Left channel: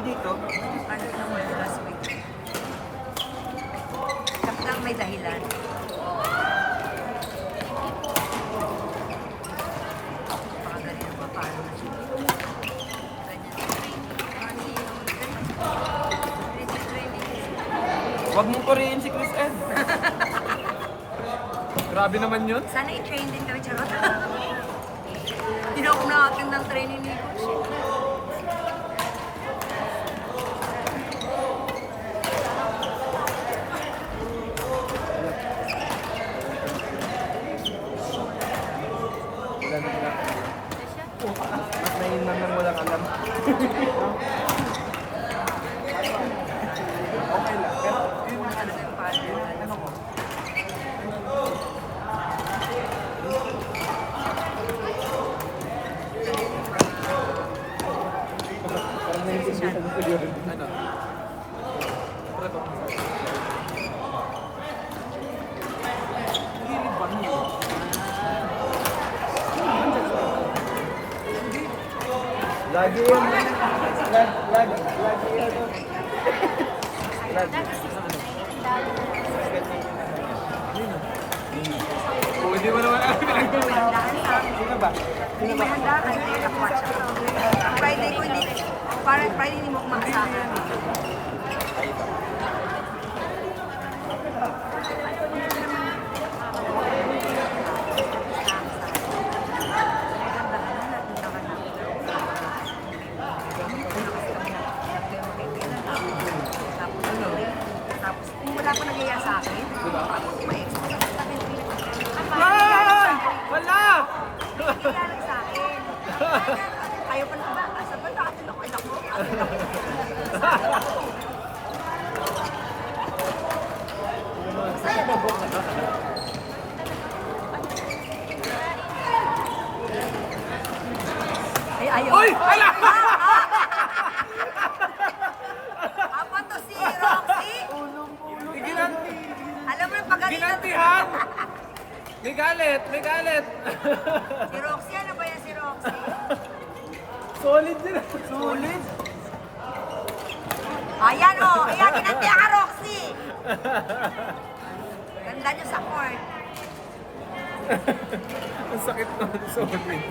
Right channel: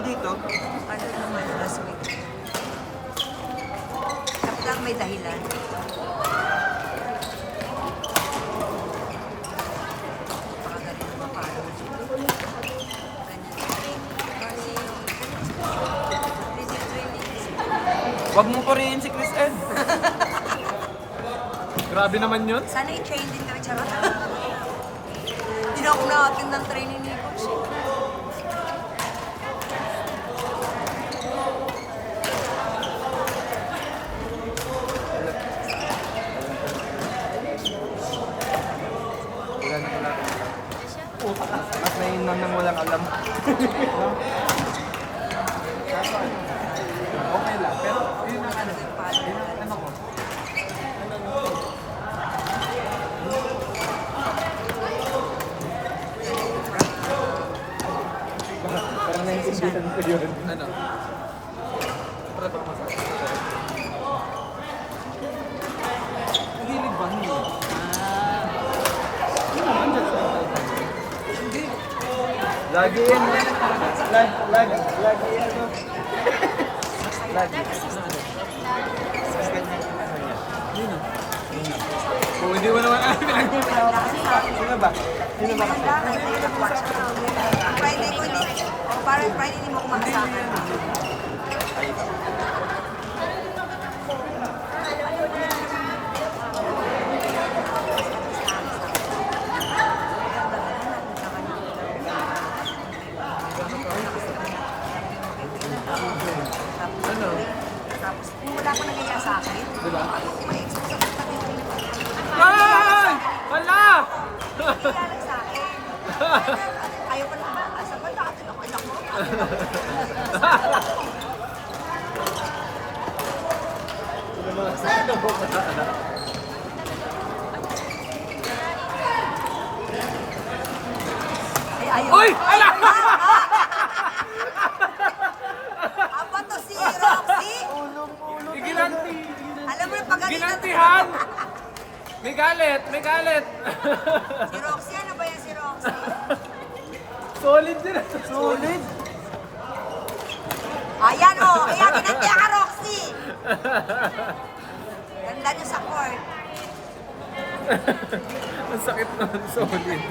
dito. Ano naman last week? Tapos lang may dahilan. Pakagaling ng mga followers. Huwag mo purihin si Chris Ed. Grabe naman yun. Sana i-train din kami, charot. Hindi na ako na-attend ng training ni Coach. Ngayon naman walang alam. Okay lang, pero yun Una talaga yung followers. parang naiintindihan ko yun. Ano? Hilig ba niyo? Lagi yan. Lagi yan. Hindi mo naman alam pinagawa. Handaan sa akin. Hindi may handaan. Hindi nakuha siya. Ang Friday ko hindi. O parang Friday hindi mo ako maasahan. Tapos, kung wala pa nagyaya sa akin, ako may-expose ako sa akin. Wala! Nagkikilalag sa akin. Ayaw pa na ba? Sabi ko, atin ako, anak mo, atin ako. Sabi ako. Masaya na po. Ay, ayaw. Uy! Ala! Apa to si Roxy? Iginanti! Alam mo yung pagalitan. Ginantihan! May galit! May galit! Si Roxy, ano ba yan si Roxy? Solid din! Solid! Ayan o, ayan, kinanti ka Roxy. Ganda niyo sa court. Ang sakit naman, solid.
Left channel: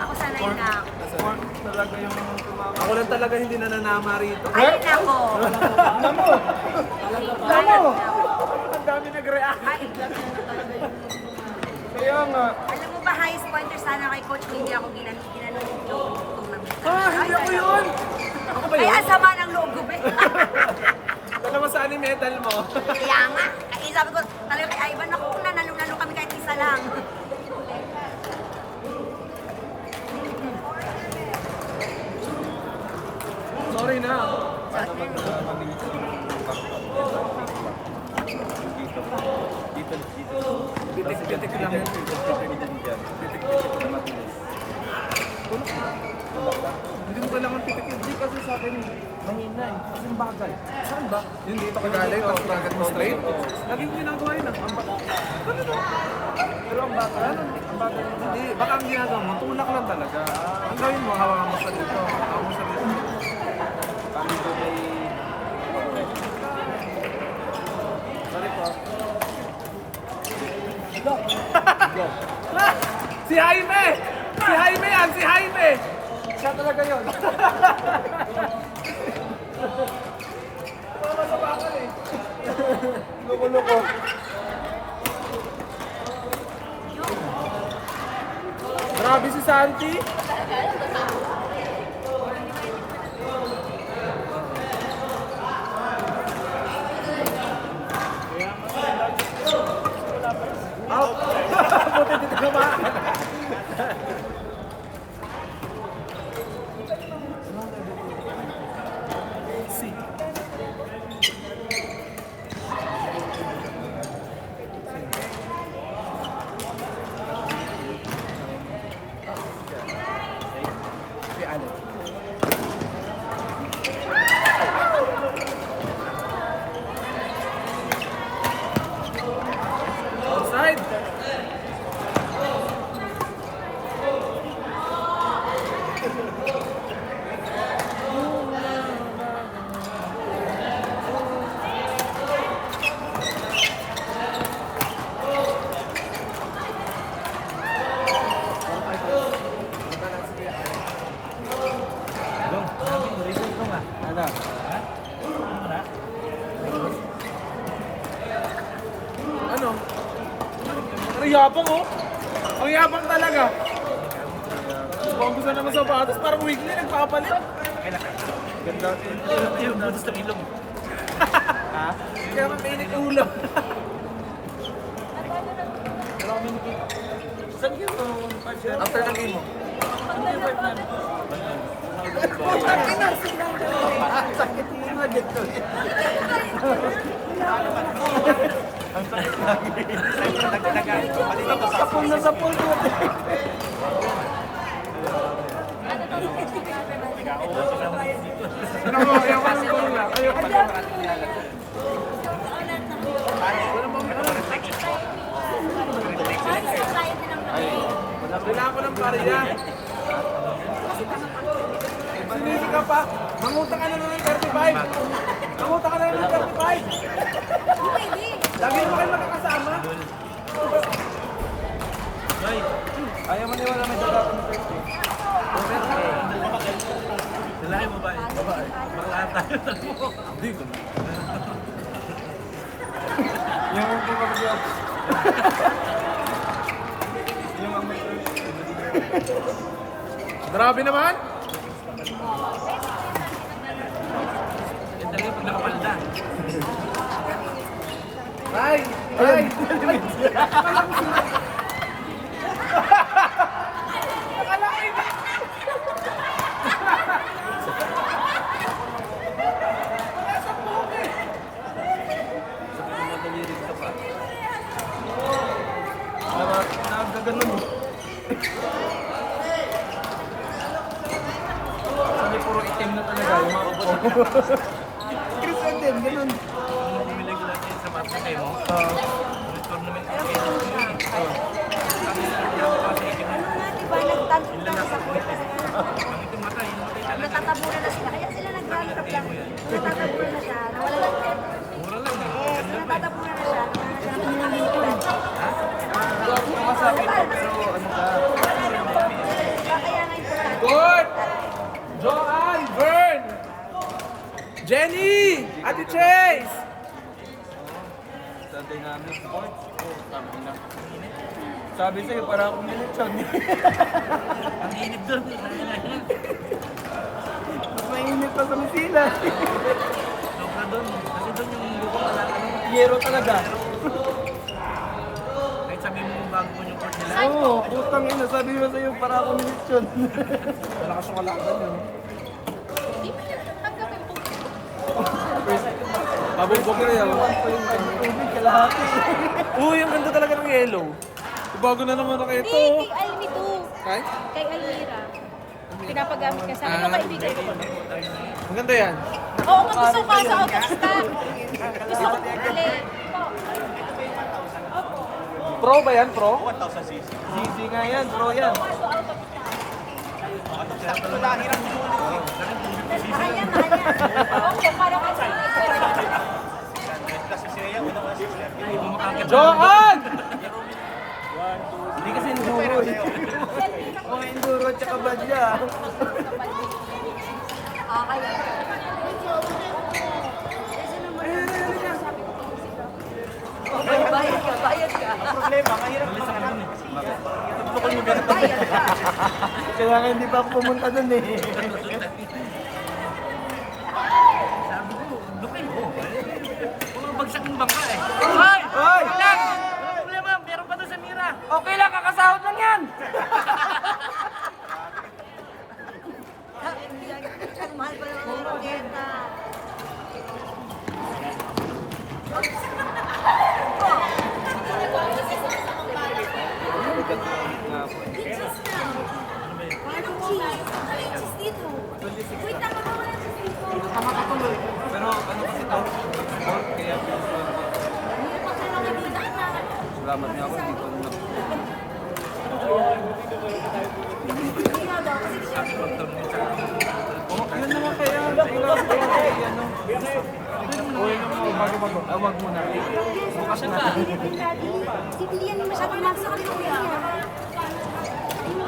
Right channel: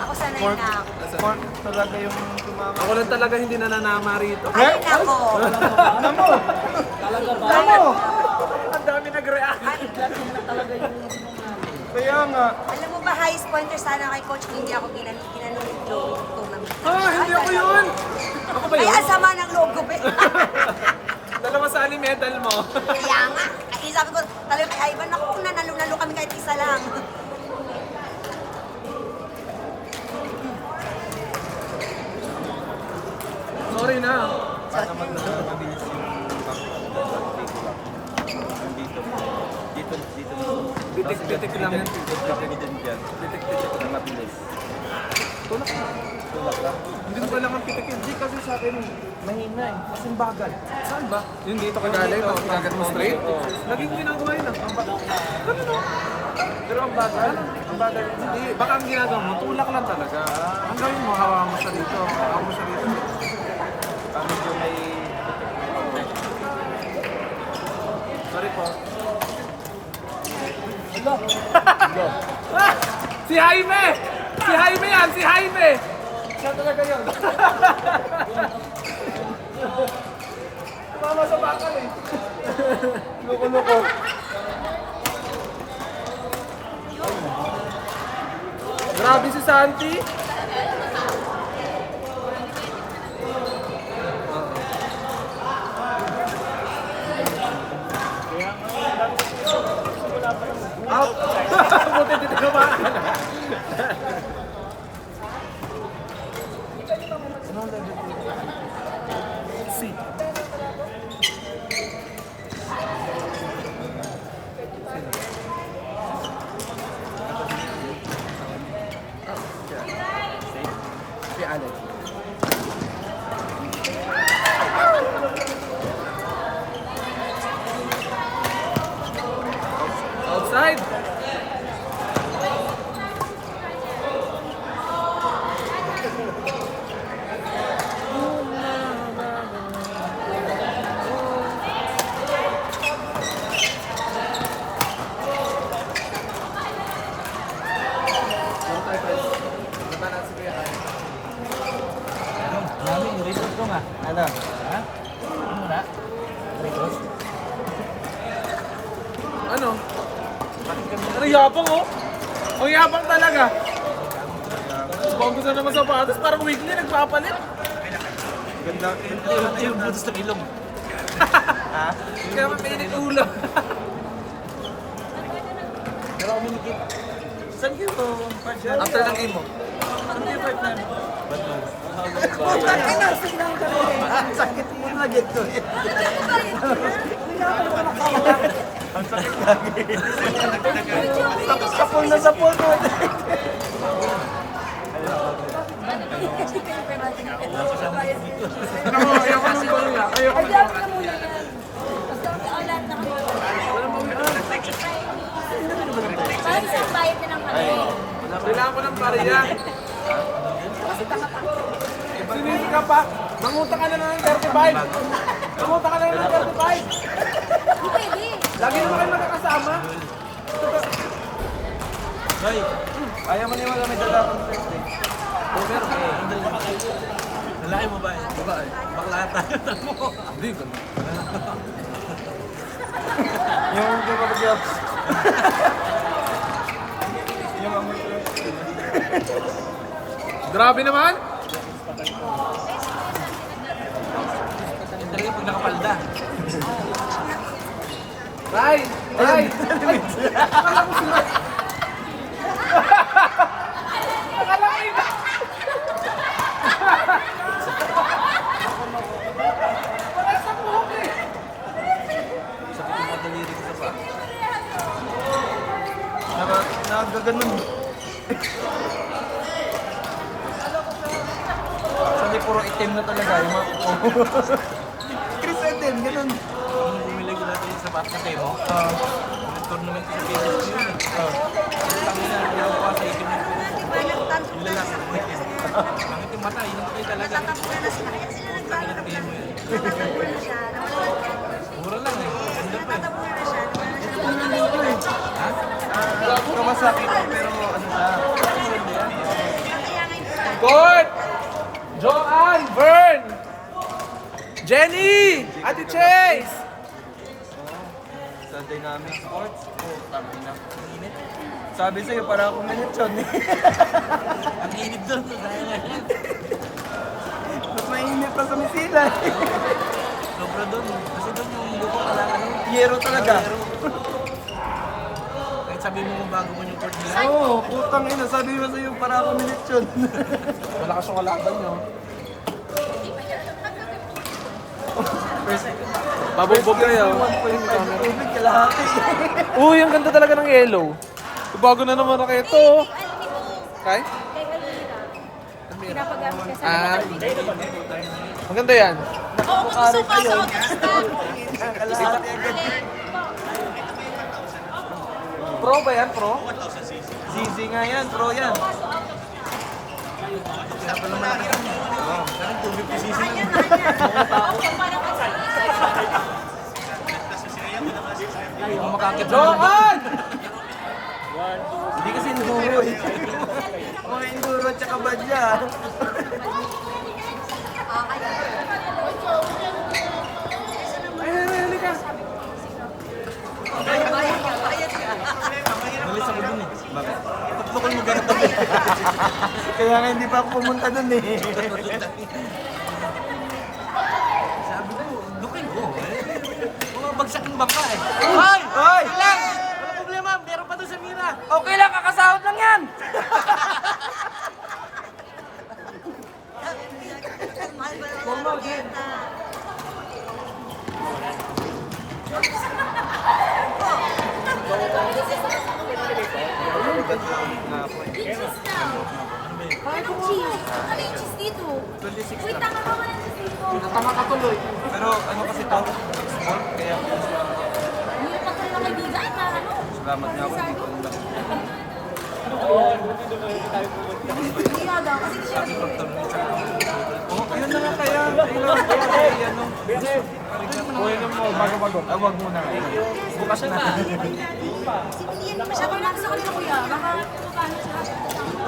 Ako sanay na ako. Ako lang talaga hindi nananama rito. Ay, nako. Ano? Ang dami nag-react. Kaya nga. Alam mo ba, highest pointer sana kay Coach, hindi ako ginanong yung tournament. Hindi ako yun! Ay, ang sama ng loob ko, be. Dalawa saan yung medal mo? Kaya nga. Kasi sabi ko, talaga kay Ivan, naku, kung nanalo-nalo kami kahit isa lang. Sorry na. So, Pitik-pitik lang. Hindi mo kailangan pitik. Hindi kasi sa akin nahina eh. Isang bagay. Saan ba? Yun dito kagaling, tapos kinagat mo straight. Naging ginagawa yun. Pero ang bagay, hindi. Baka ang ginagawa mo, tulak lang talaga. Ang gawin mo, hawa mo sa dito. Hawa mo sa dito. Sorry po. Si Jaime! Si Jaime yan! Si Jaime! Siya talaga yun. Tama sa kakal eh. Grabe si Santi. Buti dito ka ba? Ano? Ang yabang oh. Ang yabang talaga. Kung gusto naman sa patos, parang weekly nagpapalit. Yung butos na ilong. Kaya mainit ulo. After ng game mo. Sapol na sapol mo. Kailangan ko ng pariya. Sinisi ka pa. Nangutang ka na ng 35. Nangutang ka na ng 35. Lagi naman kayo nakakasama. Ayaw mo niwala na siya. Lalaki mo ba? Bakla tayo. Hindi ko. Yung kumagyo. Grabe naman. Talaga pag nakapalda. Ray! Ray! Akala ko iba. Ganun. Sabi puro itim na tayo. Chris itim, ganun. Bumili ko natin yung sapat na kayo. Tournament kasi. Diba, nagtantong tayo sa court. Bakit yung mata? Yung patay talaga. Natatabunan na sila. Kaya sila nag-run up lang. Natatabunan na siya. Nawala na. Mura lang eh. Yes, natatabunan na siya. Nawala na siya ng pagkakas. Kaya ngayon ko na. Court! Joanne! Vern! Jenny! Ate Chase! Sa dynamic sports. Sabi sa'yo, parang ako minutyon eh. Ang init doon. Mainit pa sumisila. Sobra doon. Kasi doon yung lupa talaga. Yero talaga. Kahit sabi mo kung bago mo yung court nila. Oo, putang ina. Sabi mo sa'yo, parang ako minutyon. Wala ka siyang kalaban, no? Babugbog kayo. Tubig kalahati. Uy, ang ganda talaga ng yellow. Bago na naman na ito. Kay? Kay Alvira. Pinapagamit kasi. Ah, maganda yan. Oo, gusto ka sa Pro ba yan? Pro? Zizi nga yan, pro yan. Joanne! Hindi kasi enduro eh. Mga enduro at saka badya. Kaya. Bayad ka, bayad ka. Malis ako doon eh. Gusto ko yung ganito. Bayad ka. Kaya nga hindi pa ako pumunta dun eh. Sabi ko, lupin ko. Mga bagsak ng bangka eh. Hoy! Hoy! Alam! Walang problema, meron pa doon sa mira. Okay lang, kakasahod lang yan! Ang mahal pa naman ng raketa. Parang cheese. Ano yung cheese dito? Wait, tama ka muna yung cheese dito. Tama ka tuloy. Pero, kasi tawag ko kaya Hindi pa ka mga kaibigan na ano? Hindi nga daw, kasi di siya yun na nga kaya. Pasyal pa. si Pilian yung masyado natin sa kanila kuya.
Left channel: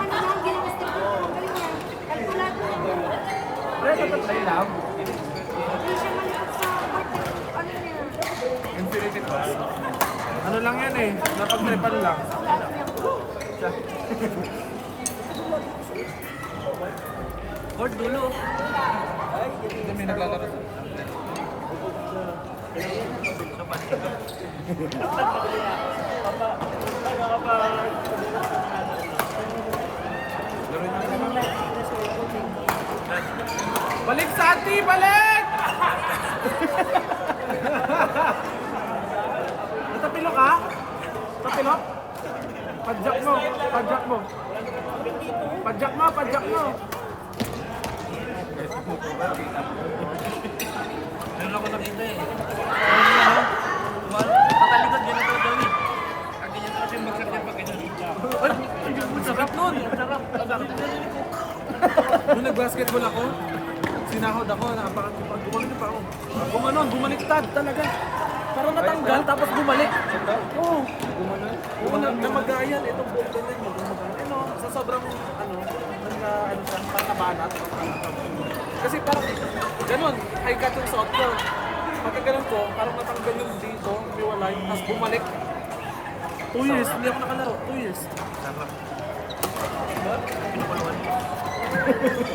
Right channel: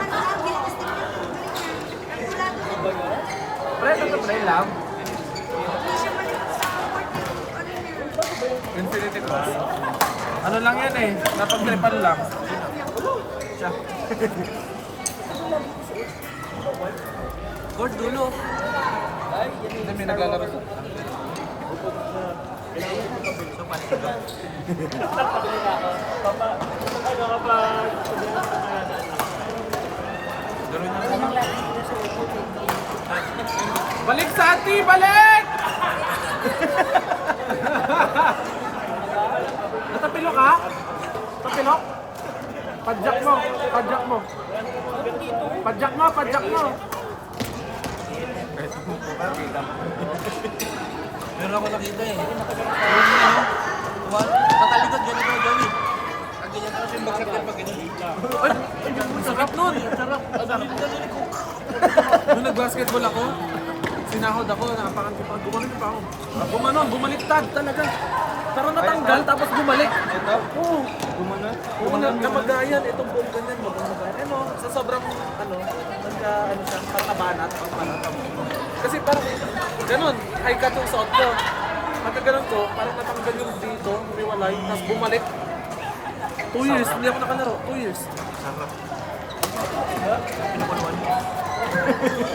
Ano lang, ginastos ko. Kalkulado. Ay lang. Hindi siya malipat sa ano niya. Infinity Plus. Ano lang yan eh. Natatripan lang. Court dulo. Hindi may naglalaro. Balik sa ati! Balik! Natapilo ka? Natapilo? Padjak mo. Padjak mo. Padjak mo. Padjak mo. Meron ako nakita eh. Patalikod, ganito na gawin. Ang ganyan kasi yung bagsak niya pag ganito. Sarap nun. Sarap. Nung nag-basketball ako, sinahod ako, napakantipon. Bumaliktad talaga. Parang natanggal, tapos bumalik. Oo. Oo, namagayan. Ito, ganyan mo. Ano, sa sobrang, natabanan. Kasi parang, ganun, high cut yung suot ko. Pagka ganun ko, parang natanggal yung dito, umiwalay, tapos bumalik. 2 years, hindi ako nakalaro. 2 years.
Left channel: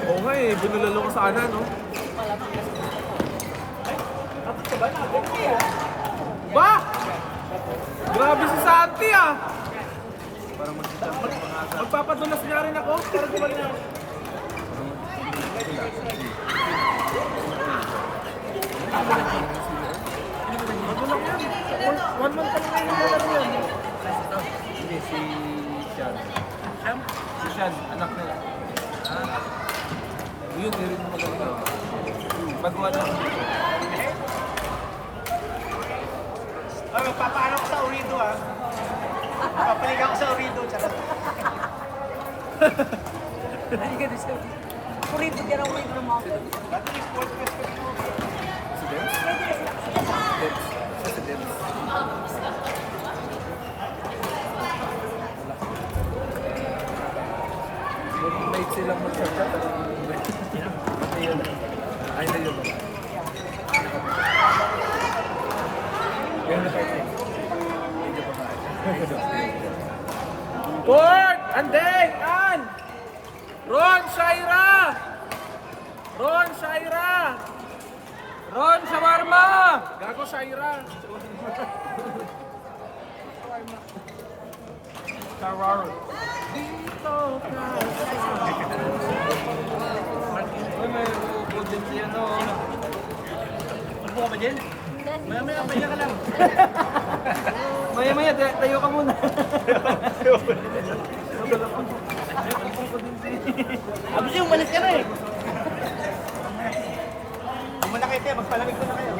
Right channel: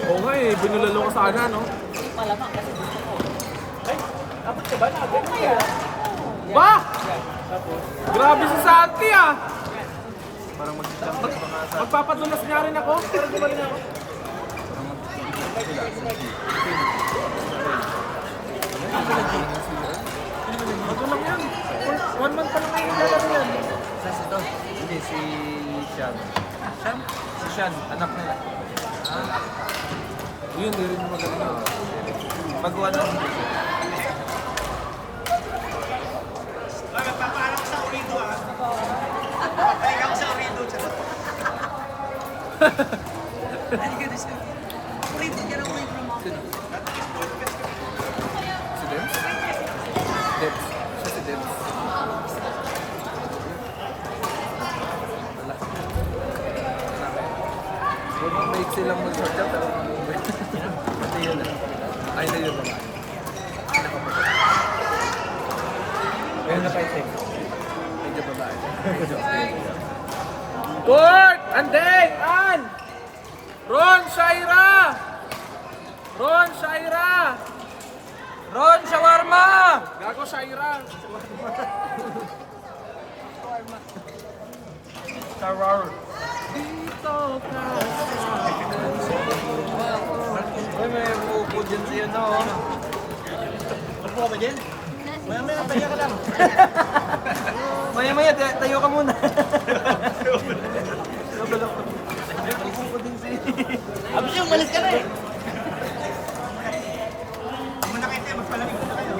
Oo nga eh, binulalo ko sana, no? Ba? Grabe si Santi ah! Magpapadulas niya rin ako. One month pa na yung lalaro yan. Hindi, si Sian. Sian? Si Sian, anak nila. Yun, meron mo talaga yun. Pag ano. Ay, magpapaano ko sa Urido ah. Papahinga ko sa Urido. Kulit ka na ulit ng mga. Si Debs? Debs. Siya si Debs. Roommate silang mag-chat. Hindi yun. Ay, hindi yun. Kaya na kayo. Medyo babae. Court! Andeng! An! Ron! Shaira! Ron! Shaira! Ron! Shawarma! Gago Shaira! Shawarma. Dito ka. Upo ka ba dyan? Maya-maya, pahinga ka lang. Maya-maya, tayo ka muna. Abis yung malis ka na eh. Ang manakit eh, magpalamig ko na kayo.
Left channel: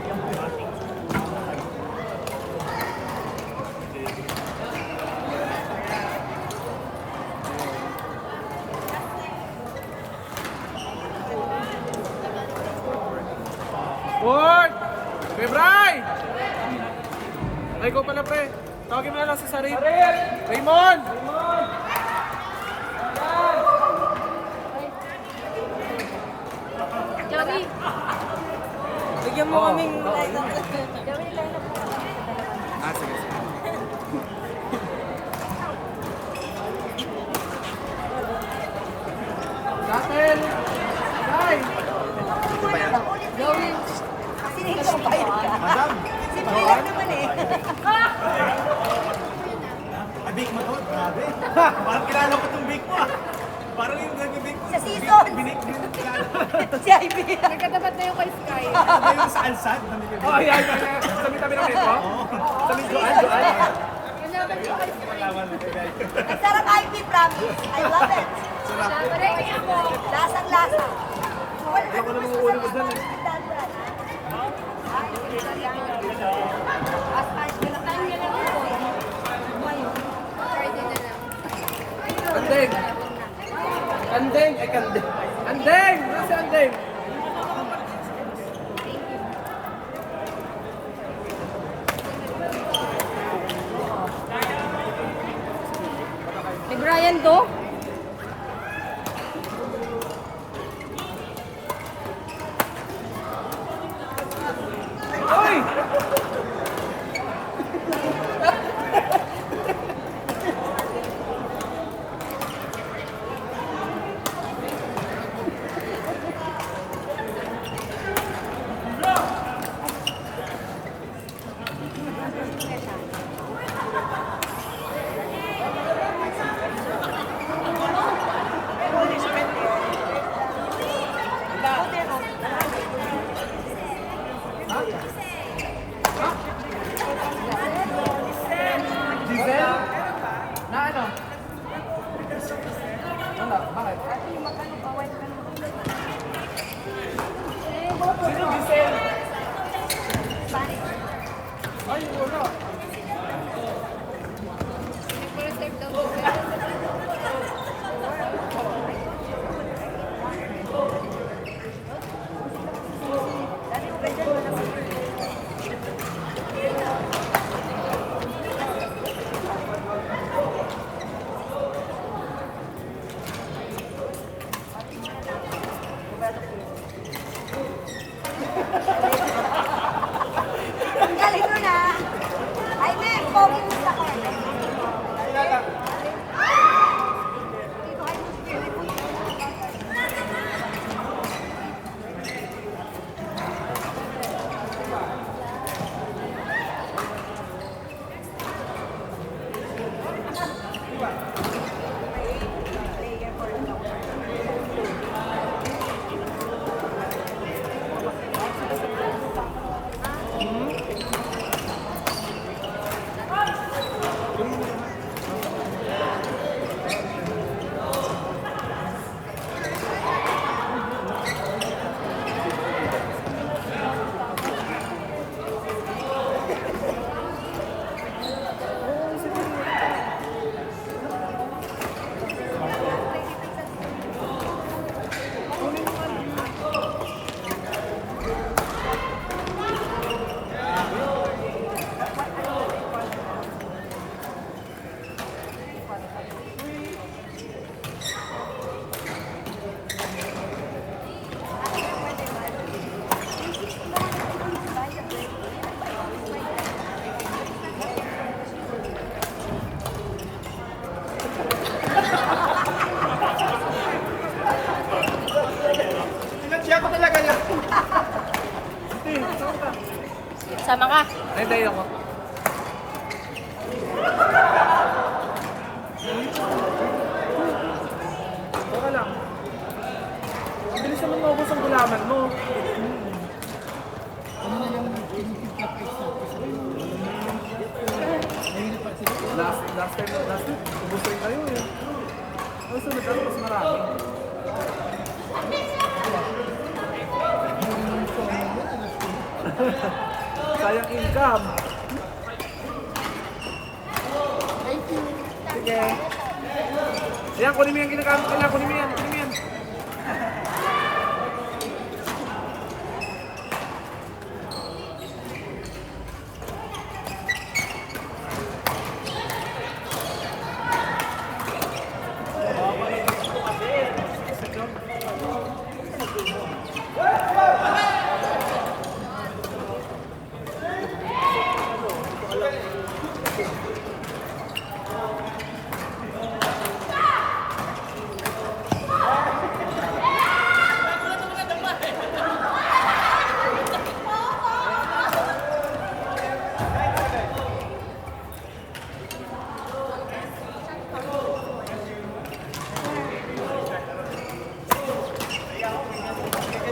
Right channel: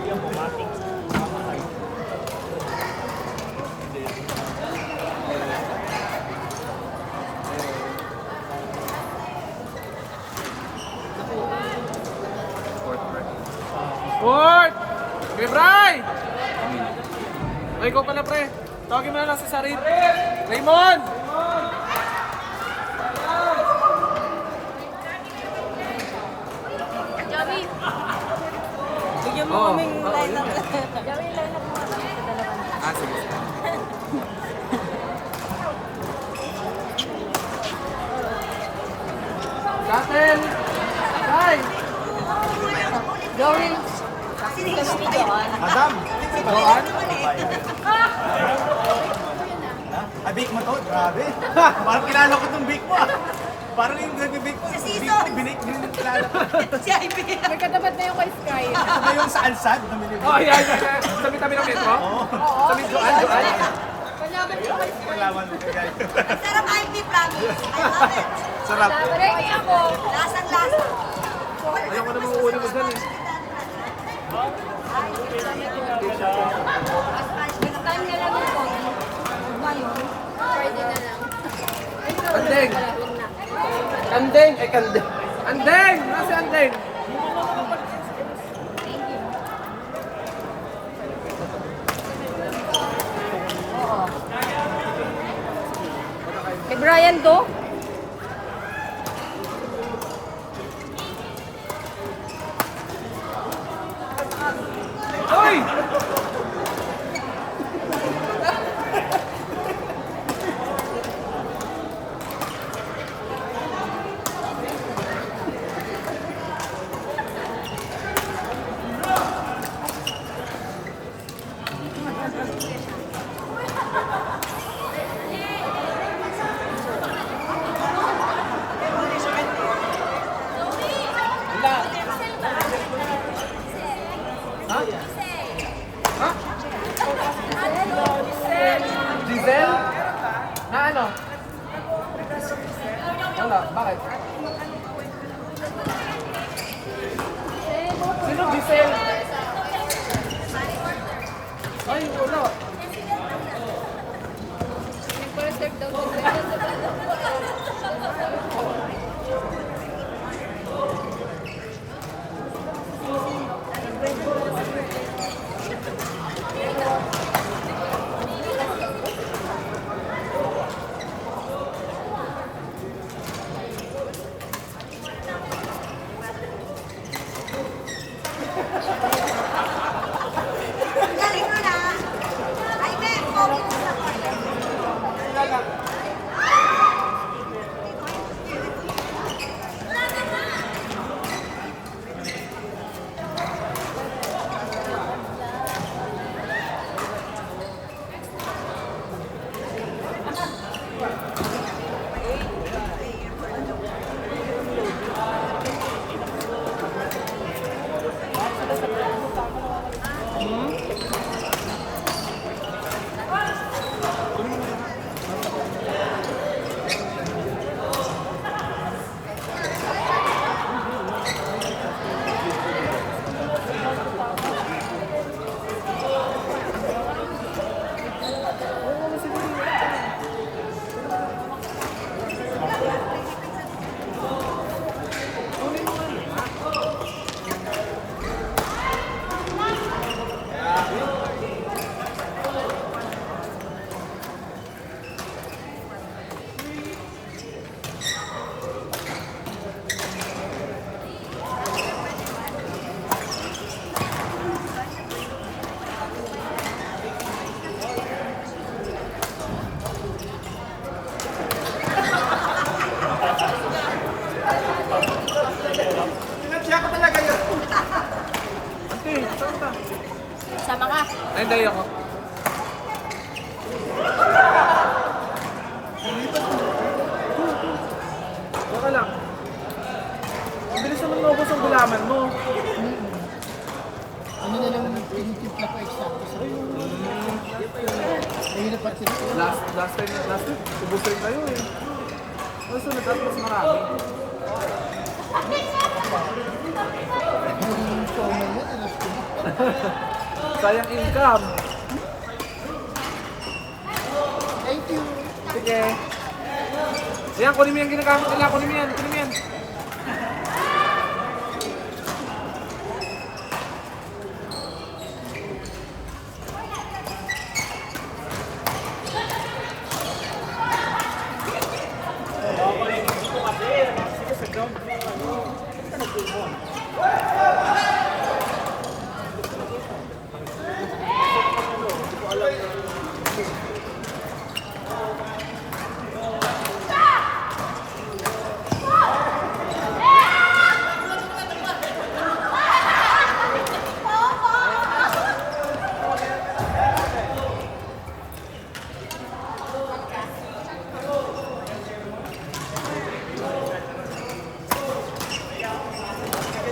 Court! Ray! Ay, ko pala pre. Tawagin mo lang sa sarili. Raymond! Bigyan mo kaming line up. Ah, sige. Natin! Ay! Gawin. Madam! Ah! Ay, bake mo to, grabe. Parang kilala ko itong bake mo ah. Parang yung bake mo. Sa season. Binik mo yung kilala ko. Si Ivy. Nagkatapat na yung kay Sky. Ako ba yung sa Alsad? Bumili ko. Oh, yeah, yeah. Tabi-tabi ng metro? Tabi doon, doon. Kanapat yung kay Sky. Salamat po guys. Ang sarap Ivy, promise. I love it. Sarap. Ready ako. Lasang-lasa. Ayaw ko na mga ulo ko dyan eh. Time na lang ako. Pwede na lang. Andeng! Andeng! Ay, kandeng! Andeng! Nasa Andeng? Kay Brian to? eh. Diesel? Na ano? Wala, bakit? Sino diesel? Ay, wala. Perfect daw. Ang galing mo na. Ay, may pogi mo sa akin. Siya ko talaga yun. Sama ka. Ay, hindi ako. Saka lang. Ang bilis naman maubos ang gulaman mo. Ano na lang tinitip na pa isa. Mahirap pa sila. Last time, ubos rin kayo eh. Nasunod tayo mas marami. Sayang income. Thank you. Sige. Yan, kunin mo yung ginagamit nila. Kunin mo yan.